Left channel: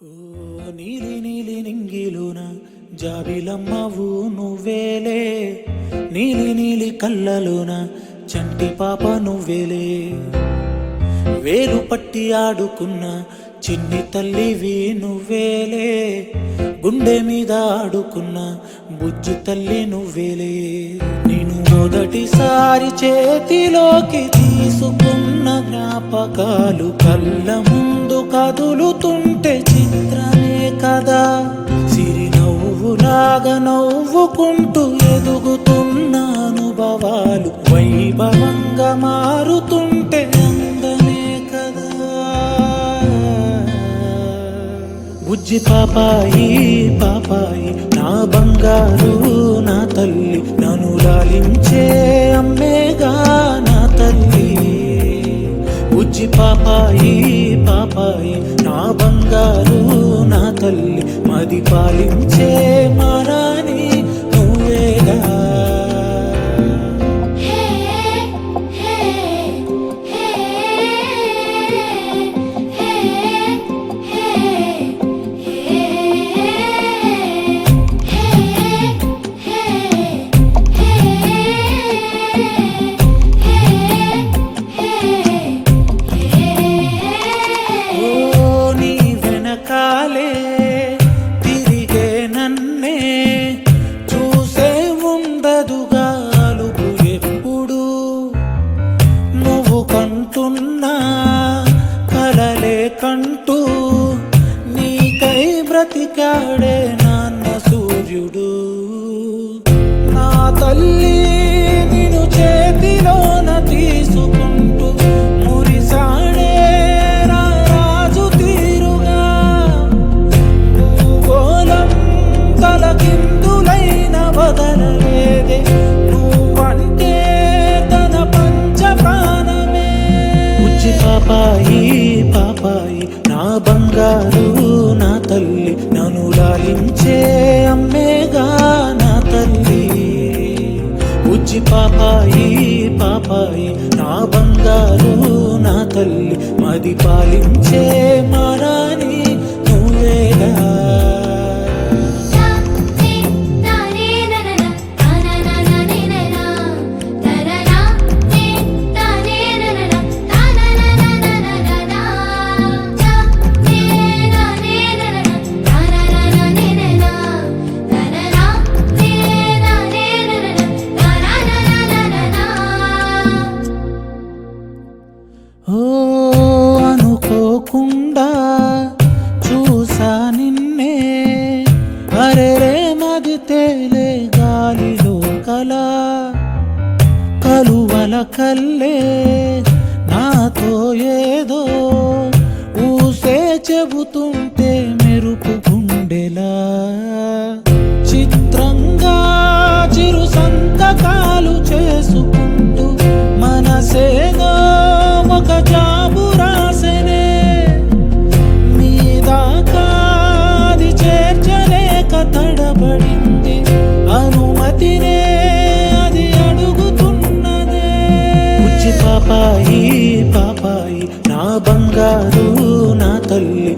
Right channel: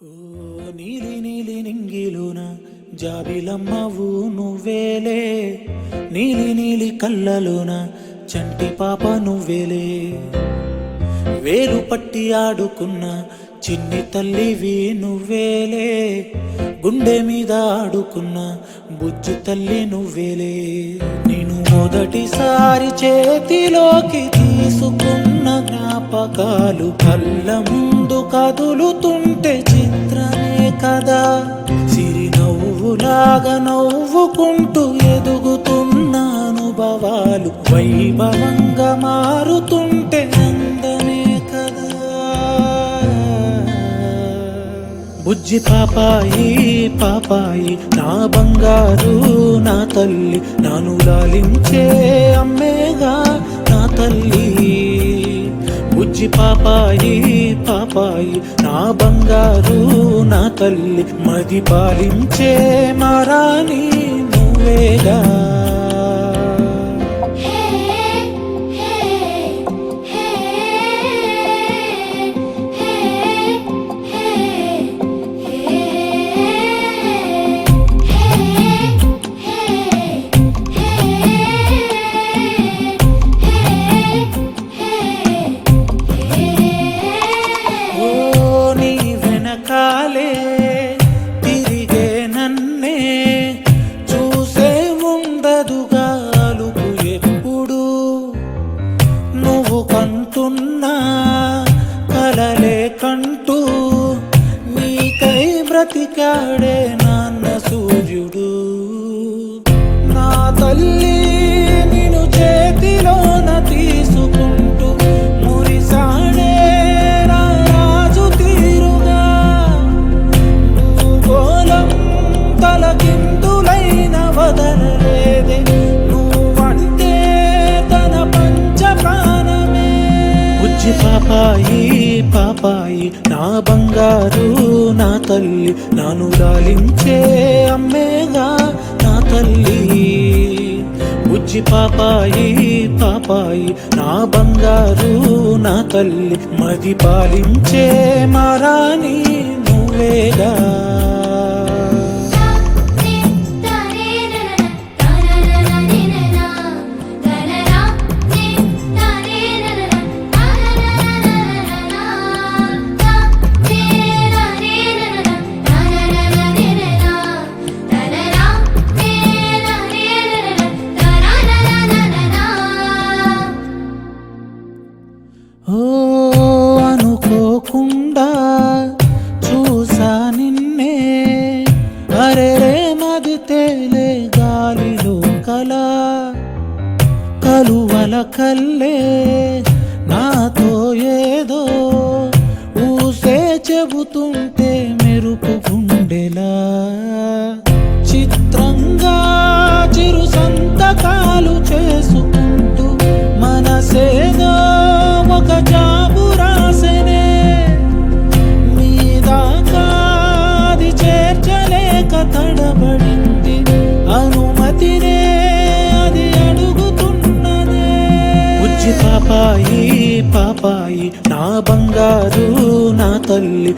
ఓ నీలి నీలి నింగిలోన జాబిలమ్మవు నువ్వేలే, నీలి నీలి కళ్ళలోన చంటి పాప నువ్వేలే, వేలు పట్టి ఆడుకున్న చిన్ని తల్లివి నువ్వేలే, గుండె మీద ఆడుకున్న బుజ్జి తల్లి నువ్వేలే. నేను మొదటిసారి చేతిలోకి తీసుకున్న జ్ఞాపకాలు కళ్ళ ముందు కదులుతుంటే చిత్రమే కదా, సిరి నవ్వులాగా నవ్వుకుంటూ ఎదుగుతున్న అనుభవాలు వైభవంగా మారుతుంటే అందమే కదా. బుజ్జి పాపాయి పాపాయి నా బంగారు నా తల్లి, నన్ను లాలించే అమ్మేగా నా తల్లి. బుజ్జి పాపాయి పాపాయి నా బంగారు నా తల్లి, మది పాలించే మారాణి నువ్వేగా. కాలే తిరిగే నన్నే చూసే ఉండదుగా అలుపు ఎప్పుడు, నువ్వు కంటున్నా కలలే కంటూ నీకై బ్రతికాడే నాన్న సూర్యుడు. నా తల్లి నిన్ను చేతిలోన తీసుకుంటూ మురిసాడే తలకిందులైన వదలలేదే, నువ్వంటే తన పంచ ప్రాణమే. బుజ్జి పాపాయి పాపాయి నా బంగారు నా తల్లి, నన్ను లాలించే అమ్మేగా నా తల్లి. బుజ్జి పాపాయి పాపాయి నా బంగారు నా తల్లి, మది పాలించే మారాణి నువ్వేగా. ఓ అనుకోకుండా చూసా నిన్నే, అరెరే మది తేలే గాలిలో కల, కలువల కల్లే నాతో ఏదో ఊసే చెబుతుంటే మెరుపు గుండెలా, చిత్రంగా చిరు సంతకాలు చేసుకుంటూ మనసేదో ఒక జాబు రాసనే, మీదాకాది చేర్చలేక తడబడింది అనుమతినే అది అడుగుతున్నదే. బుజ్జి పాపాయి పాపాయి నా బంగారు నా తల్లి,